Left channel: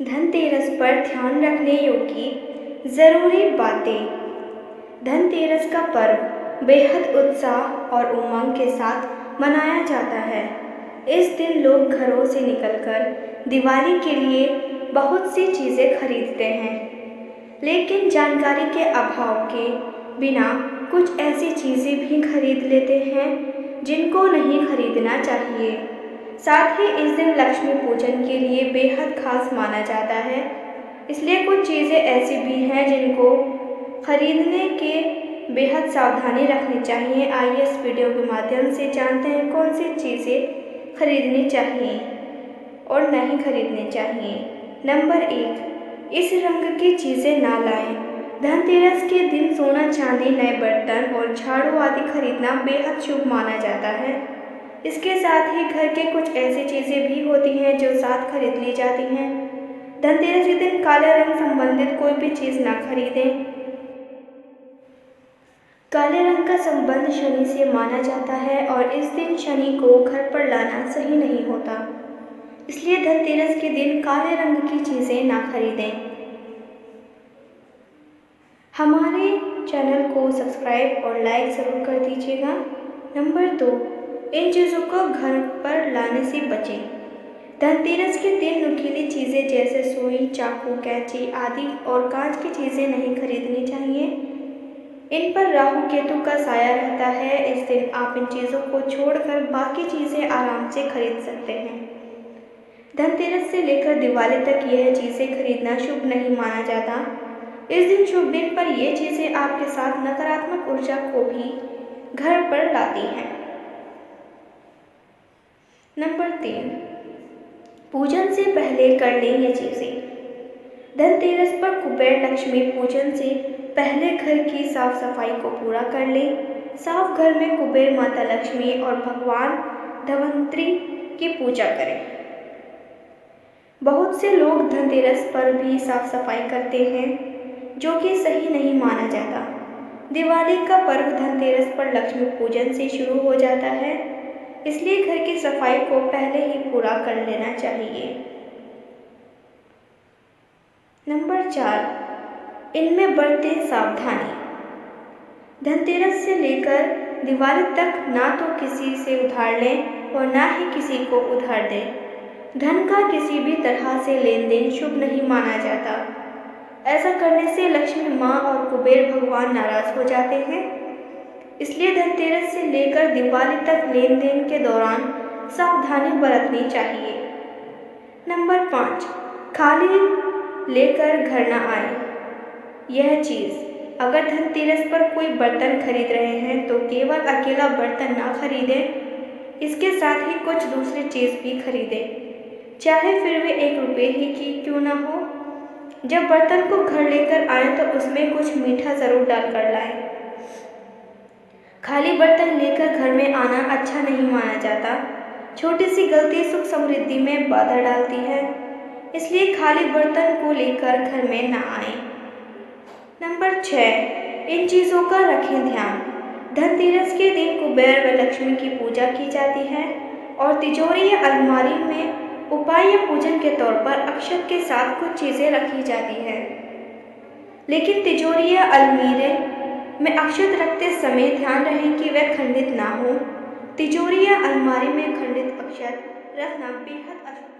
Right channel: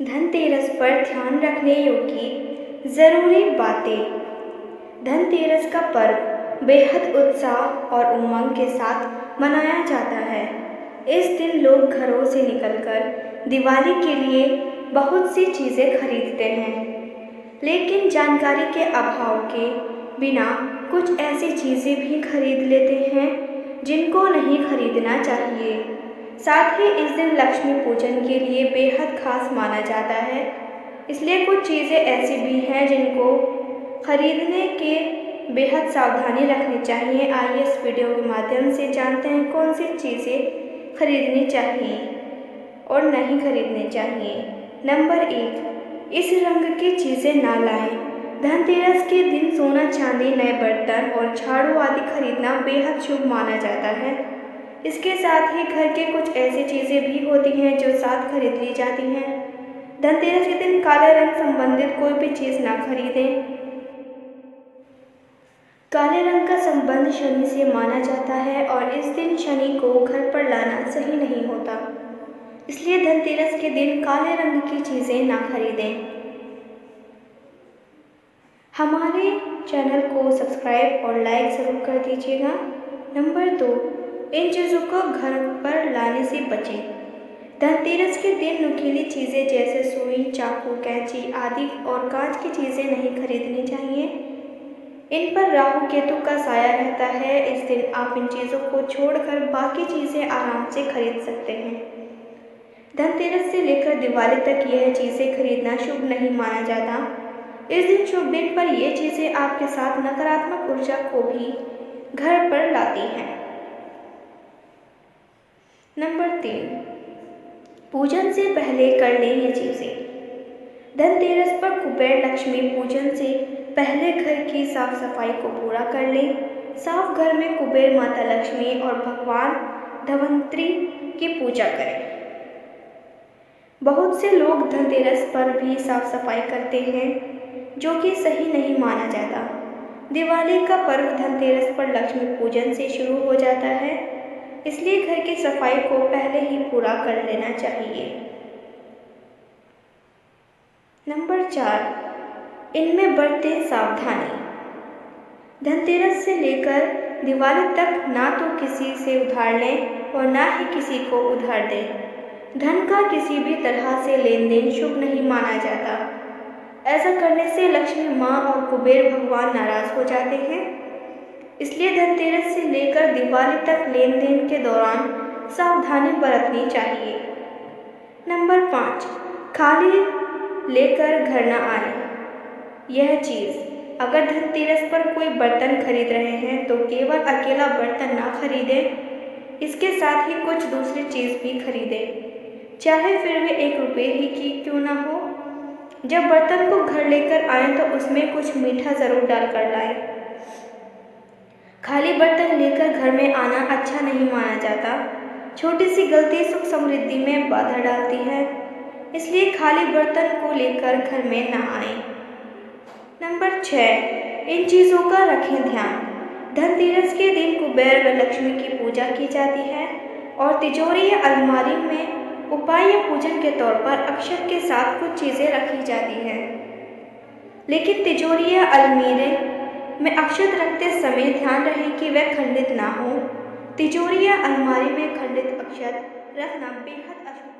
धनतेरस पर ध्यान रखने योग्य ज़रूरी बातें। धनतेरस का पर्व बेहद उत्साह और उमंग के साथ मनाया जाता है। इस दिन लोग घरों से निकलकर दिवाली के लिए बहुत सी चीज़ें खरीदते हैं, लेकिन जानकारी के अभाव के बिना कुछ ऐसी चीज़ें भी खरीद लेते हैं जिनको नहीं खरीदना चाहिए। साथ ही इस दिन लक्ष्मी पूजन के लिए बेहद खास माना जाता है, इसलिए कुछ चीज़ें ऐसी भी हैं जिनको खरीदने के बेहद सावधानी रखनी चाहिए। आइए इस वीडियो के माध्यम से जानते हैं कौन सी चीज़ें खरीदनी चाहिए और नहीं खरीदनी चाहिए। नंबर 1, इस रंग की चीज़ें ना लाएं। धनतेरस के दिन सोना चांदी, नए बर्तन और झाड़ू आदि खरीदना बेहद शुभ माना जाता है। इसके साथ ही घर के कुछ ऐसी चीज़ें भी होती हैं जो साथ खरीद ली जाती हैं। धनतेरस के दिन काले रंग संबंधित कोई भी चीज़ ना खरीदें। काले रंग का संबंध शनि से माना जाता है और इस दिन शनि को घर पर लाना सही नहीं होता, इसलिए धनतेरस के दिन काले रंग की चीज़ें ना खरीदें। हमारे चैनल को सब्सक्राइब और लाइक ज़रूर कर दीजिएगा। नंबर 2, इन चीज़ों को घर पर लाने से बचें। धनतेरस के दिन नुकीली चीज़ें जैसे सुई, चाकू, कैंची आदि और कांच की चीज़ें नहीं खरीदनी चाहिए। इन पर राहु केतु का साया रहता है। इस दिन आप इन चीज़ों को छोड़कर बाकी चीज़ें आराम से खरीद सकते हैं। धनतेरस से लेकर दिवाली तक यह चीज़ें खरीदना शुभ नहीं माना जाता। इस दिन शुभ दिन पर ये चीज़ें आपके साथ नकारात्मक ऊर्जा को भी घर पर लाती हैं। नंबर 3, पूजन से पहले कर लें ये चीज़ें। धनतेरस पर कुबेर लक्ष्मी पूजन से पहले घर की साफ सफाई को पूरा कर लें। साफ घर में कुबेर, माता लक्ष्मी और भगवान धन्वंतरी की पूजा करें। बहुत से लोग धनतेरस पर भी साफ सफाई करते हैं, जो कि सही नहीं माना जाता। दिवाली का पर्व धनतेरस पर लक्ष्मी पूजन से शुरू हो जाता है, इसलिए घर की सफाई को पहले ही पूरा कर लेना चाहिए। नंबर 4, इनमें बरतें सावधानी। धनतेरस से लेकर दिवाली तक ना तो किसी से उधार लें और ना ही किसी को उधार दें। धन का किसी भी तरह से लेन देन शुभ नहीं माना जाता। ऐसा करने से लक्ष्मी माँ और कुबेर भगवान नाराज हो जाते हैं, इसलिए धनतेरस से लेकर दिवाली तक लेन देन के दौरान सावधानी बरतनी चाहिए। नंबर 5, खाली लेकर घर न आए। यह चीज़, अगर धनतेरस पर कोई बर्तन खरीद रहे हैं तो केवल अकेला बर्तन ना खरीदें, इसके साथ ही कुछ दूसरी चीज़ भी खरीदें, चाहे फिर वे 1 रुपये ही की क्यों ना हो। जब बर्तन को घर लेकर आएँ तो उसमें कुछ मीठा ज़रूर डालकर लाएं। खाली बर्तन लेकर घर में आना अच्छा नहीं माना जाता। छोटी सी गलती सुख समृद्धि में बाधा डालती है, इसलिए खाली बर्तन को लेकर घर में ना आएं। नंबर 6, इन चीज़ों का रखें ध्यान। धनतेरस के दिन कुबेर व लक्ष्मी की पूजा की जाती है और तिजोरी या अलमारी में उपाय या पूजन के तौर पर अक्षत के साथ कुछ चीज़ें रखी जाती हैं, लेकिन तिजोरी या अलमीरे में अक्षत रखते समय ध्यान रहे कि वह खंडित ना हो। तिजोरी या अलमारी में खंडित अक्षत रखना बेहद अशुभ